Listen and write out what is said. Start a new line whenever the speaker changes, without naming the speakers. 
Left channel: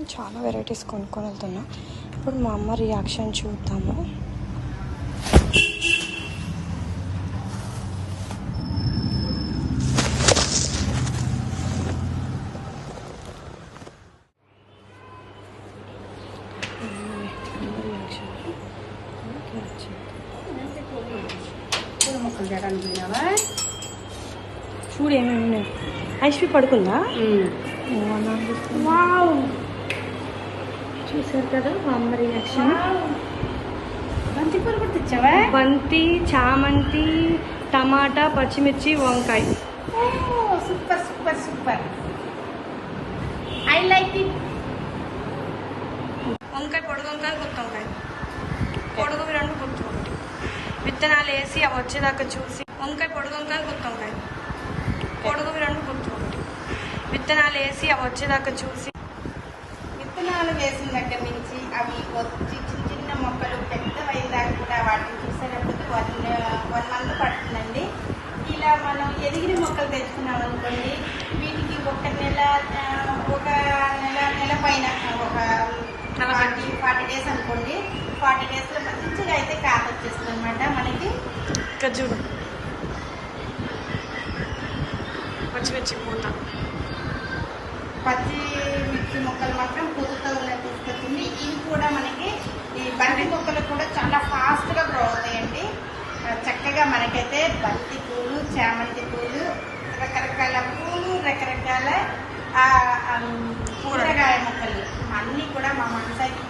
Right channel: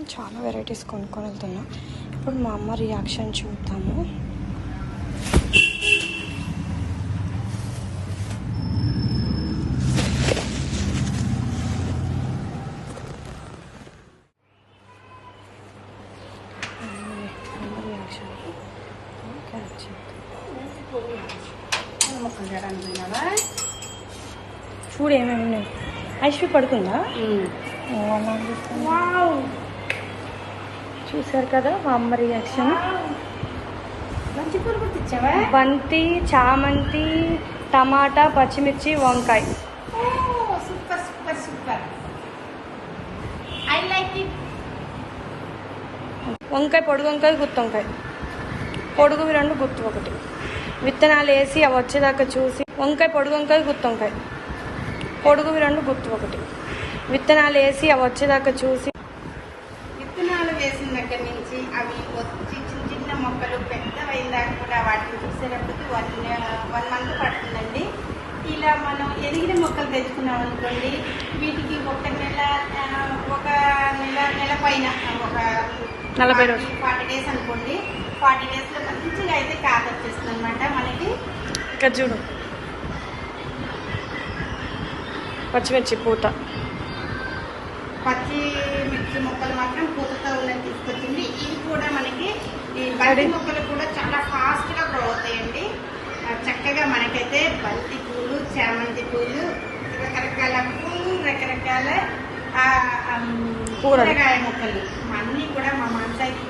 నేను చాలా వెరైటీస్ కొనుక్కొని వెళ్తున్నా. ఇప్పుడు మా అమ్మ రియాక్షన్ చూద్దాము. చూడు ఏమేమి ఐశ్వరి పడుకుందా? ఓ అలా. చూసారు కదా మా అమ్మ రియాక్షన్
బంతి
చామంతి టమాటా పచ్చిమిర్చి వంకాయ. వంకాయ పొడుగు వంకాయ గుత్తి వంకాయ. పొడుగు రెండు గుర్తు ఒకటి. విత్తనాలు వేసి అవి వచ్చేదాకా చూసి వంకాయ పొడుగు వంకాయ గుత్తి వంకాయ. పొడుగు రెండు గుర్తు ఒకటి. విత్తనాలు వేసి అవి వచ్చేదాకా చూసి
వేసిన దగ్గర నుంచి అవి వచ్చి చిన్న చిన్న మొక్కలు పెద్దవైన దాకా కూడా వాటిని చూసేటప్పటికి వన్ వన్ మంత్ పడుతుందండి. ఇలా మనం ఎదిగిన మొక్కలు తెచ్చుకున్నాం అనుకోండి వీటికి ఒక నెల ఒక నెల నెల పైన ఒక
నలభై రోజులు.
ఫార్టీ డేస్ అనుకోండి ఫార్టీ డేస్లో మంచిగా అయితే కాత వచ్చేస్తుంది అనమాట మనకి.
ఇక్కడ చూడు పచ్చిమిర్చి పూత.
పచ్చి మిర్చి మొక్కలు మాత్రం పూతతో ఉన్నది తీసుకొచ్చింది ఇవి కూడా మనకి ఈ బంతి మొక్కలు కూడా చాలా ఫాస్ట్గా గ్రో అవుతాయండి. చక్కగా మనకైతే బంతి పూలు చామంతి పూలు రకరకాల పూలు రకరకాల. కూరగాయ మొక్కలు. అన్నీ కూడా మా మనసాయికి